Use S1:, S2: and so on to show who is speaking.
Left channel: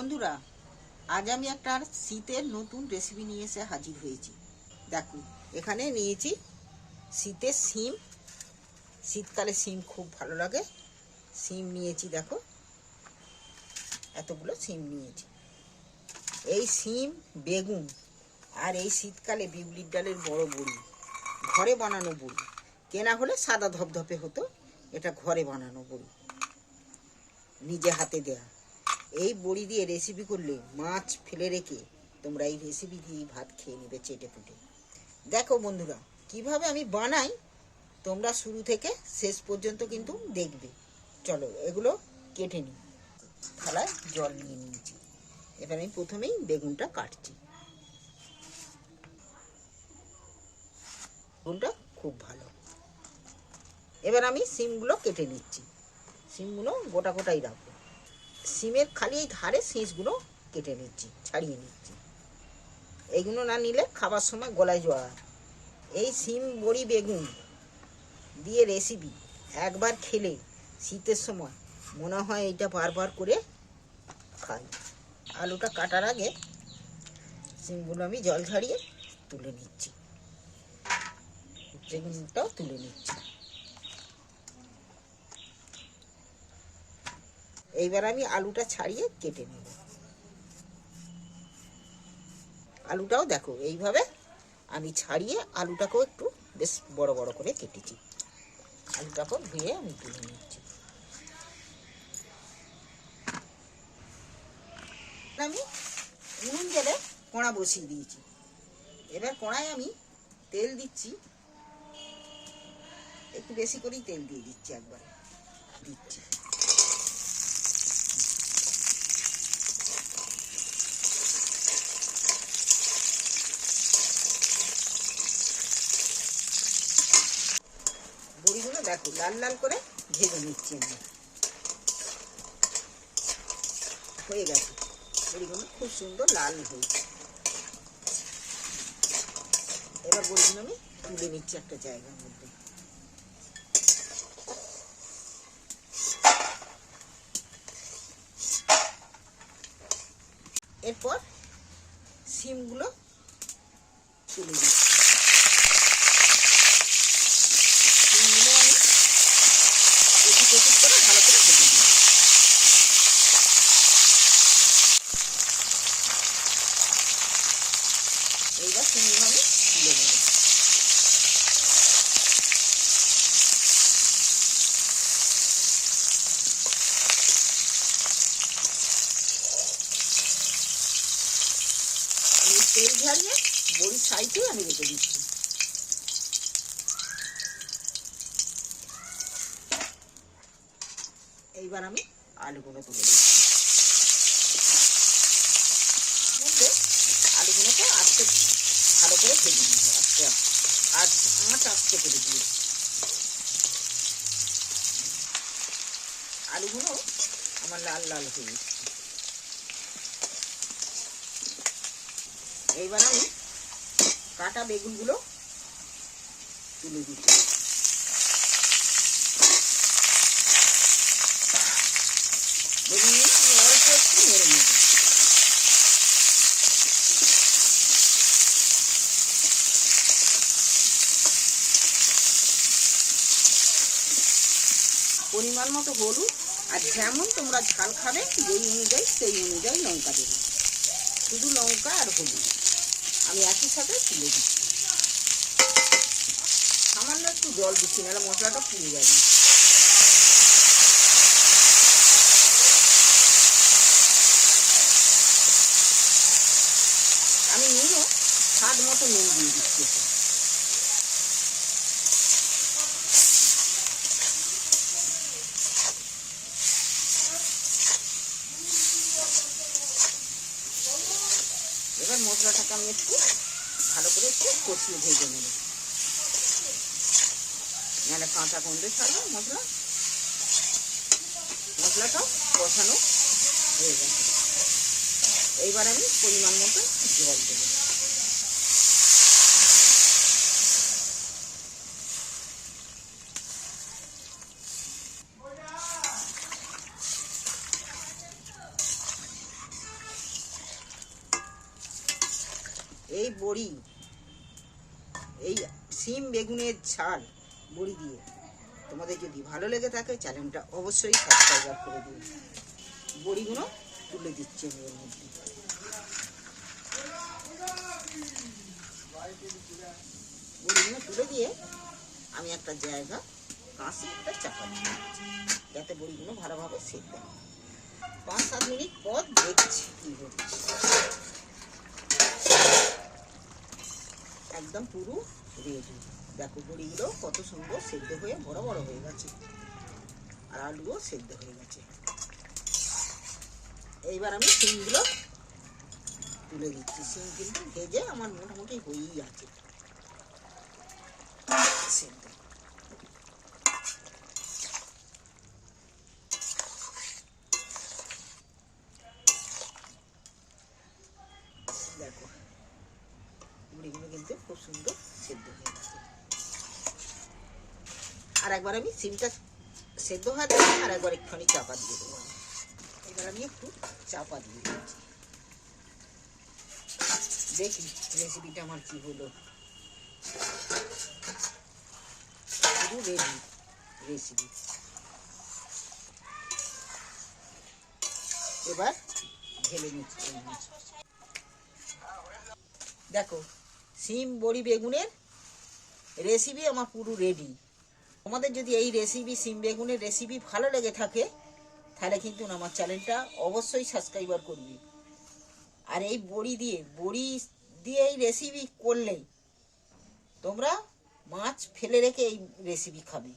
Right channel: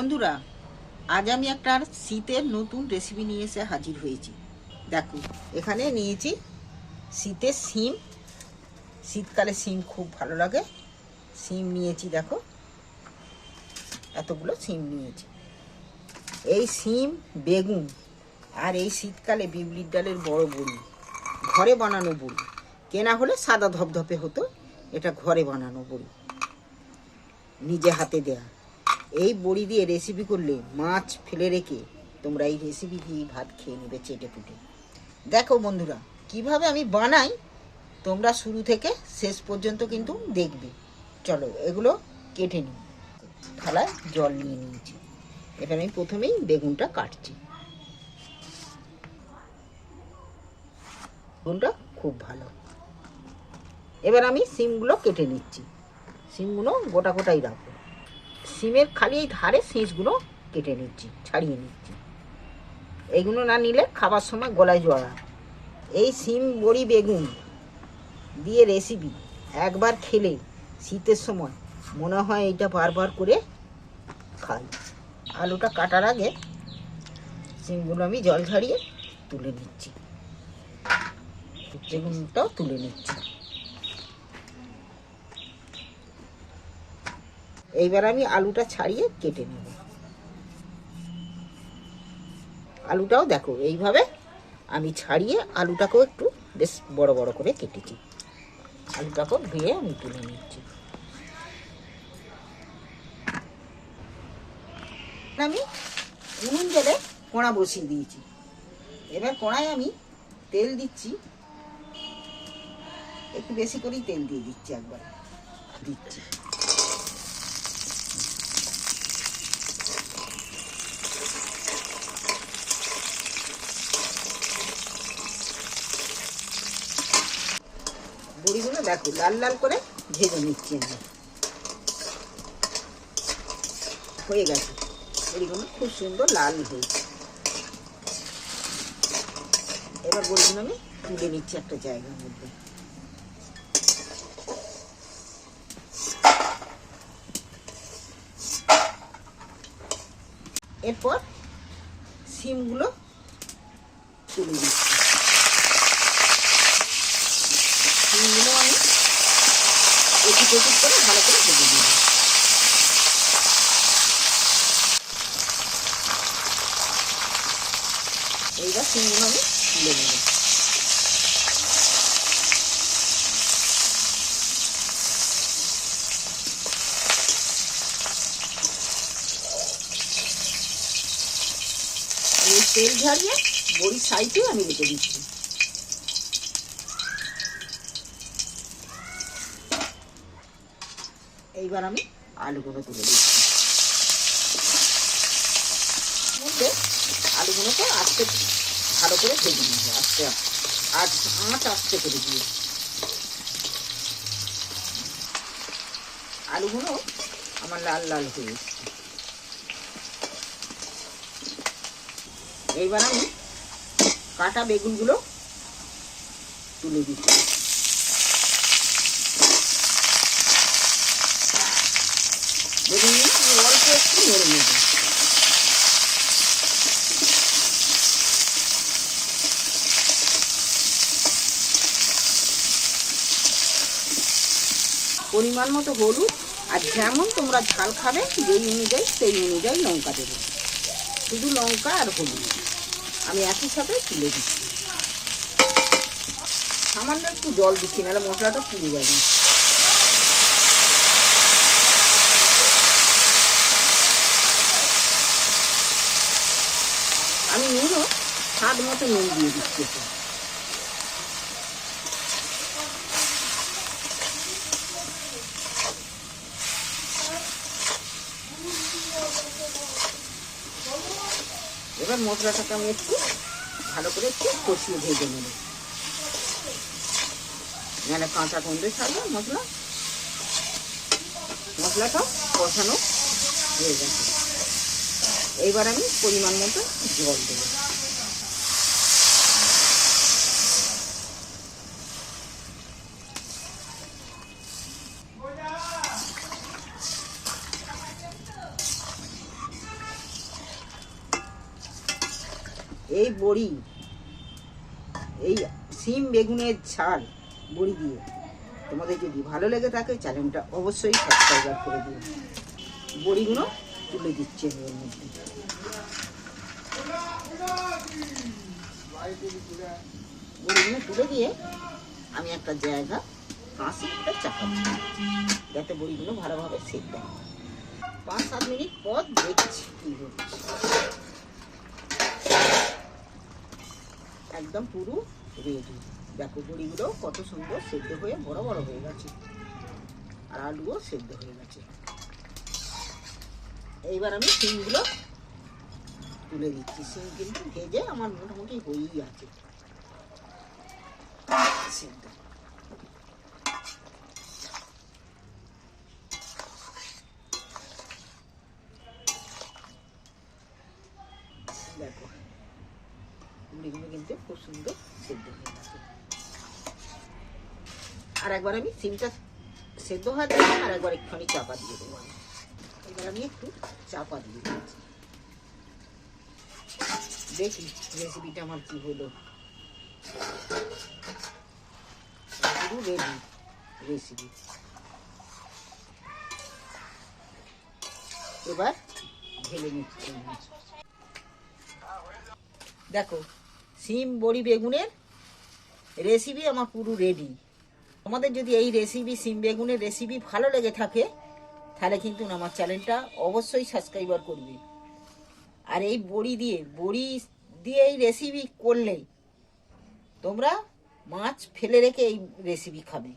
S1: বন্ধুরা, আজ আমি একটা শীতের নতুন রেসিপি নিয়ে এসে হাজির হয়েছি। দেখো, এখানে নিয়েছি শীতের শিম। শীতকালে শিম খুব ভালো লাগে। শিম নিয়েছি, দেখো। এতগুলো শিম নিয়েছি। এই শিম, বেগুন আর এই শীতকালে বিউলির ডালের বড় বড়ি, ঘরে বানানো বড়ি। কেনা হলে সাদা ধপধপে হতো, এটা ঘরে বানানো বড়ি। নিজে হাতে দেয়া। এই বড়ি দিয়ে রেসিপি করলে মাছ ফেলে রেখে তোমরা এই রেসিপি দিয়ে ভাত খেয়ে নেবে চেটে পুটে দেখো বন্ধুরা, কীভাবে আমি বানাই তোমরা শুরু থেকে শেষ পর্যন্ত কিন্তু দেখবে। চলো এগুলো কেটে নিই। থালায় জল নিয়ে নিয়েছি। এবার আমি প্রথমেই বেগুনটা কাটছি। বেগুনটা খুব ভালো। এবার আমি সিমগুলো কেটে নিচ্ছি। সিমগুলো গোটা গোটাই রাখব। সিমের খালি এই ধারে শীষগুলো কেটে নিচ্ছি, ছাড়িয়ে নিচ্ছি। এইগুলো না নিলে খাবার সময় গলায় জড়া এই সিম, বড়ি, বেগুন দিয়ে রেসিপি একবার খেলে শীতের সময় মনে হয় এইটা বারবার করে খাই। আলুটা কাটার আগে সিমগুলো আমি জল ঝাড়িয়ে তুলে নিচ্ছি। বেগুনটাও তুলে নিচ্ছি। এইবার আমি আলুটা ছাড়িয়ে কেটে নেব। আলুটাও দেখো, এইভাবে আমি ছাড়িয়ে আলুটাকেও একটু বেশ বড় বড় করে কেটেছি। আলুটাকেও ধুয়ে আমি তুলে নিচ্ছি। আমি উনুন জেলে কোড়া বসিয়ে দিয়েছি। এবার কোড়ায় আমি তেল দিচ্ছি। একটু বেশি করেই তেল দিয়ে দিচ্ছি একবার। দিচ্ছি বড়িগুলো দেখো, লাল লাল করে ভেজে নিচ্ছি আমি। হয়ে গেছে। বড়িগুলো খুব সুন্দর লাল হয়েছে। এবার বড়িগুলো আমি তুলে নিচ্ছি একটা জায়গার মধ্যে। এরপর সিমগুলো তুলে দিচ্ছি সিমগুলো আমি ওদিক করে ভালো করে ভেজে এইবার সিমগুলো আমি তুলে নেব। তেল ঝাড়িয়ে বড়ি সাইডে আমি রেখে দিচ্ছি। এইবার আমি আলুগুলো তুলে দিচ্ছি। আলুগুলোকে আস্তে ভালো করে ভেজে নিব আস্তে আর আঁচ আস্তে করে দিয়ে। আলুগুলো আমার লাল লাল হয়ে এইবার আমি কাটা বেগুনগুলো তুলে দিচ্ছি বেগুনগুলো আমি পরিমাণ মতো হলুদ আর যেমন তোমরা ঝাল খাবে, যেই অনুযায়ী সেই অনুযায়ী লঙ্কা দেবে। শুধু লঙ্কা আর হলুদ। আমি একই সাথে তুলে দিচ্ছি। সামান্য একটু জল দিচ্ছি, নাহলে মশলাটা পুড়ে যাবে আমি নুনও স্বাদ মতো নুন দিয়ে দিচ্ছি। এবার মশলাটাকে আমি একটু ভালো করে একটু কষিয়ে ভেজে নেব। নাহলে কাঁচা গন্ধ ছাড়বে মশলা, মশলাটাও কষানো হয়ে গেছে। এইবার আমি পরিমাণ মতো জল দেবো। এই বড়ি এই সিম বেগুনের ছাল বড়ি দিয়ে তোমাদের যদি ভালো লেগে থাকে চ্যানেলটা অবশ্যই সাবস্ক্রাইব করে দিও। বড়িগুলো তুলে দিচ্ছে এর মধ্যে। বড়িগুলো তুলে দিয়ে আমি একটা জায়গা কাঁচি একটা চাপা দিয়ে দিচ্ছি, যাতে বড়িগুলো ভালোভাবে সেদ্ধ হয়। পাঁচ সাত মিনিট পর দেখছি কি হচ্ছে। একদম পুরো রেডি দেখো বড়িগুলো কত সুন্দর সেদ্ধ হয়ে বড় বড় হয়ে গেছে। আর আলুও সেদ্ধ হয়ে গেছে। এইবার আমি সিমগুলো তুলে দিচ্ছি। সিম কিন্তু ভেজে আমার মোটামুটি হয়েই আছে। সেদ্ধ। মুড়িগুলো কিন্তু খুব সুন্দর সেদ্ধ হয়ে গেছে। আর একবার আমি সিমটা সেদ্ধ হয়ে দেবো আর একবার একটুখানি চাপা দিয়ে দেবো এবার আমি একটু চাপা দিয়ে দিচ্ছি। দেখি রেসিপিটা আমার কি হলো। পুরো রেডি রেসিপি এবার ঢেলে নিচ্ছি। দেখো সিম, বড়ি, বেগুনের রেসিপি আমার পুরো রেডি আমাদের যদি এই রেসিপি সিম, বেগুনের রেসিপি ভালো লেগে থাকে, তাহলে কিন্তু আমার চ্যানেলটা অবশ্যই সাবস্ক্রাইবার করবে। আর এই বড়ি দিয়ে বড়ি দিয়ে এই রেসিপি করলেই তোমরা মাছ ফেলে রেখে এই রেসিপি খাবে।